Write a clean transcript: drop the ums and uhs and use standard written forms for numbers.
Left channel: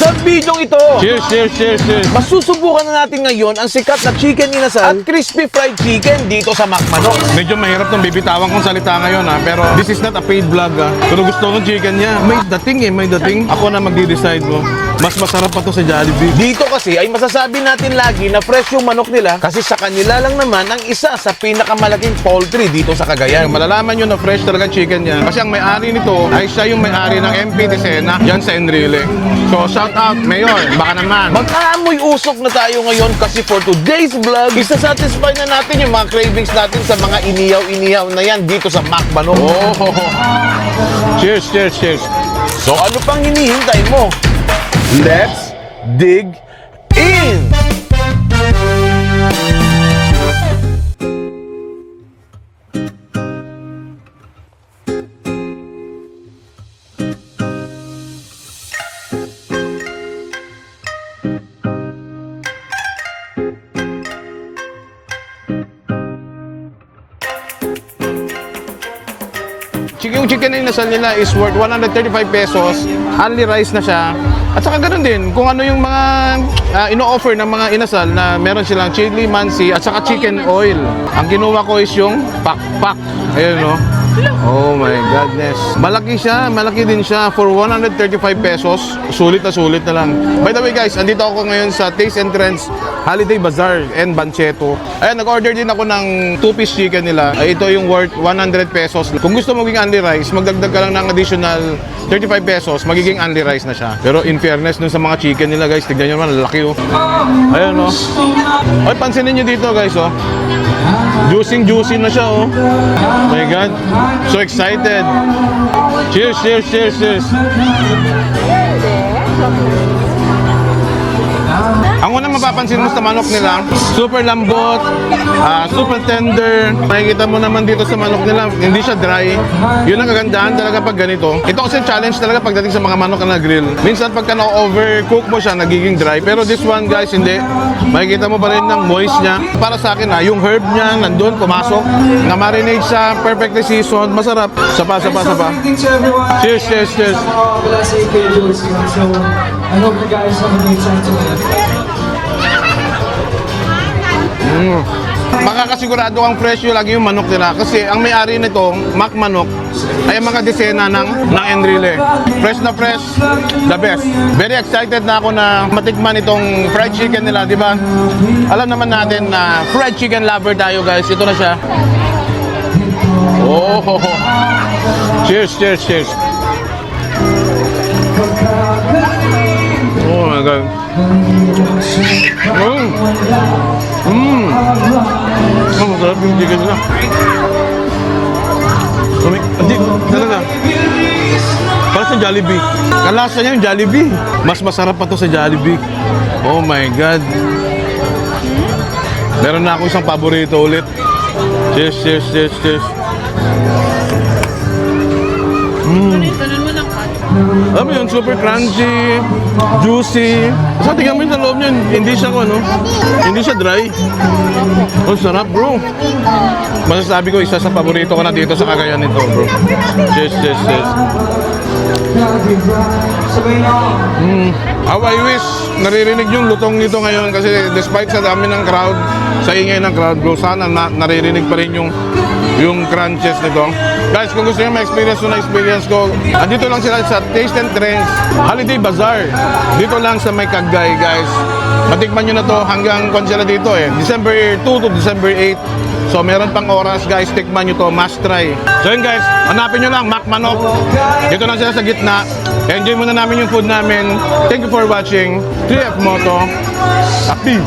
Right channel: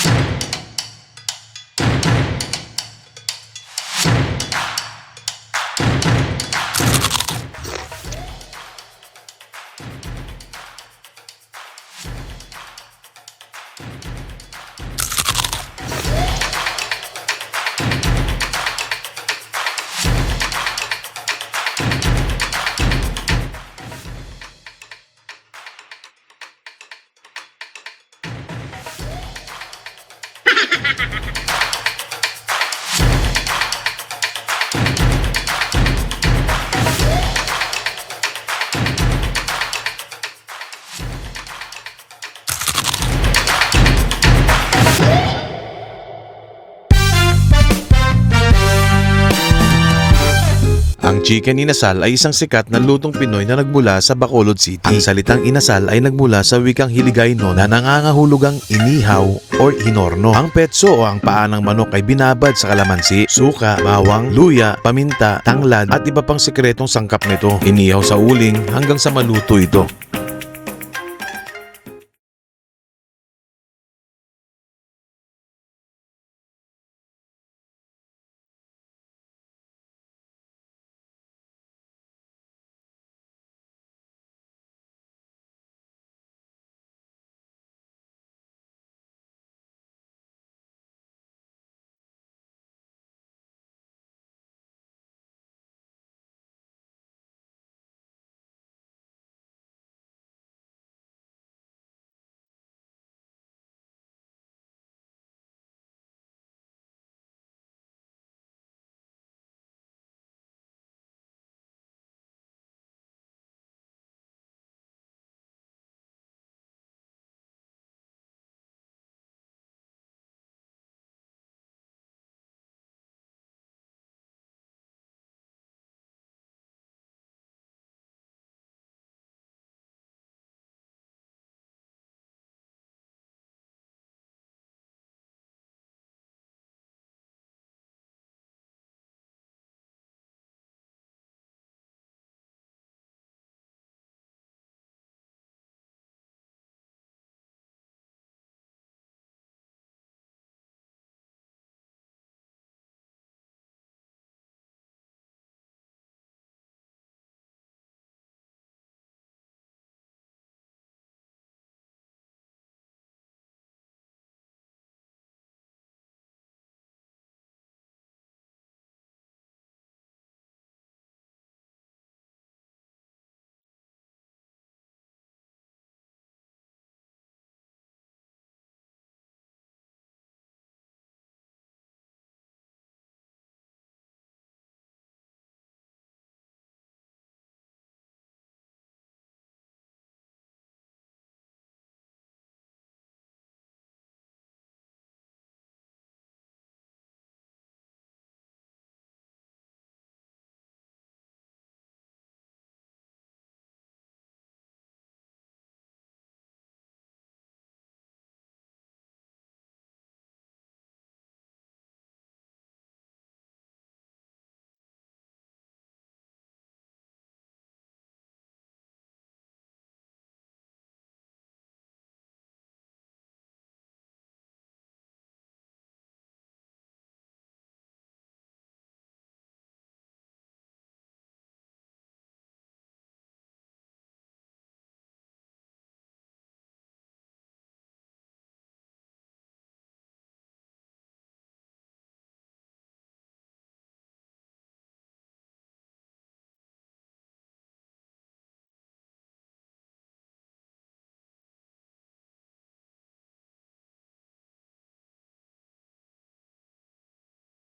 Sa video ito, Cheers, cheers, cheers, cheers. masusubukan na natin ngayon ang sikat na chicken inasal at crispy fried chicken dito sa McManok. Medyo mahirap nung bibitawan kong salita ngayon ha, pero this is not a paid vlog ha. Pero gusto kong chicken niya. May dating may dating. Ako na magdi-decide mo. Mas masarap pa to sa Jollibee. Dito kasi ay masasabi natin lagi na fresh yung manok nila kasi sa kanila lang naman ang isa sa pinakamalaking poultry dito sa Cagayan. Malalaman nyo na fresh talaga chicken niya. Kasi ang may-ari nito ay siya yung may-ari ng MP Tisena yan sa Enrile. So shout out, Mayor, baka naman. Mag-aamoy usok na tayo ngayon kasi for today's vlog, isa-satisfy na natin yung mga cravings natin sa mga inihaw-inihaw na yan dito sa McManok. Oh, cheers, cheers, cheers. So ano pang hinihintay mo? Let's dig in! Ang chicken inasal ay isang sikat na lutong Pinoy na nagmula sa Bacolod City. Ang salitang inasal ay nagmula sa wikang Hiligaynon na nangangahulugang inihaw o hinorno. Ang petso o ang paa ng manok ay binabad sa kalamansi, suka, bawang, luya, paminta, tanglad at iba pang sikretong sangkap nito. Inihaw sa uling hanggang sa maluto ito. Yung chicken na inasal nila is worth 135 pesos. Only rice na siya. At saka ganoon din, kung ano yung mga ino-offer ng mga inasal na meron silang chili mansi at saka chicken oil. Ang kinuha ko is yung pak-pak. Ayun no. Oh my godness. Malaki siya, malaki din siya for 135 pesos. Sulit na lang. By the way guys, andito ako ngayon sa Taste and Trends Holiday Bazaar and Bancheto. Ayan, nag-order din ako ng 2-piece chicken nila. Ito yung worth 100 pesos. Kung gusto mo maging only rice, magdagdag ka lang ng additional 35 pesos, magiging only rice na siya. Pero in fairness dun sa mga chicken nila guys, tignan nyo naman, laki oh. Ayan oh. Ay, pansinin nyo dito guys oh. Juicy na siya oh. My God. So excited. Cheers, cheers, cheers, cheers. Ang unang mapapansin mo sa manok nila, super lambot, super tender. Makikita mo naman dito sa manok nila, hindi siya dry. Yun ang kagandahan talaga pag ganito. Ito kasi challenge talaga pagdating sa mga manok na grill. Minsan pagka na-overcook mo siya, nagiging dry. Pero this one guys, hindi. Makikita mo pa rin ng moist niya. Para sa akin yung herb niya nandun, pumasok. Na-marinate siya, perfectly seasoned, masarap. Sapa. Cheers, cheers, cheers. So, I hope you guys have a great time today. Makakasigurado kang presyo lagi yung manok nila kasi ang may-ari nito, McManok, ay ang mga desena ng Enrile. Fresh na fresh, the best. Very excited na ako na matikman itong fried chicken nila, di ba? Alam naman natin na fried chicken lover tayo guys. Ito na siya. Oh, cheers, cheers, cheers. Oh my God. Oh, masarap yung chicken nila. Hindi, talaga. Para sa Jollibee. Kalasa niya yung Jollibee. Mas masarap pa to sa Jollibee. Oh my God. Meron na ako isang paborito ulit. Cheers, cheers, cheers, cheers. Alam mo yun, super crunchy, juicy. Sa tingnan mo yung sa loob niya, hindi siya hindi siya dry. Oh, sarap bro. Masasabi ko, isa sa paborito ko na dito sa Cagayan nito bro. Cheers, cheers, cheers. How I wish naririnig yung lutong nito ngayon kasi despite sa dami ng crowd, sa ingay ng crowd bro, sana naririnig pa rin yung crunches nito. Guys, kung gusto nyo ma-experience na experience ko, andito lang sila sa Taste and Trends Holiday Bazaar. Dito lang sa May Cagay, guys. Matikman nyo na to hanggang kung sila dito December 2 to December 8. So meron pang oras guys, tikman nyo to, must try. So yun guys, hanapin nyo lang McManok. Dito lang sila sa gitna. Enjoy muna namin yung food namin. Thank you for watching. 3F Moto. Peace!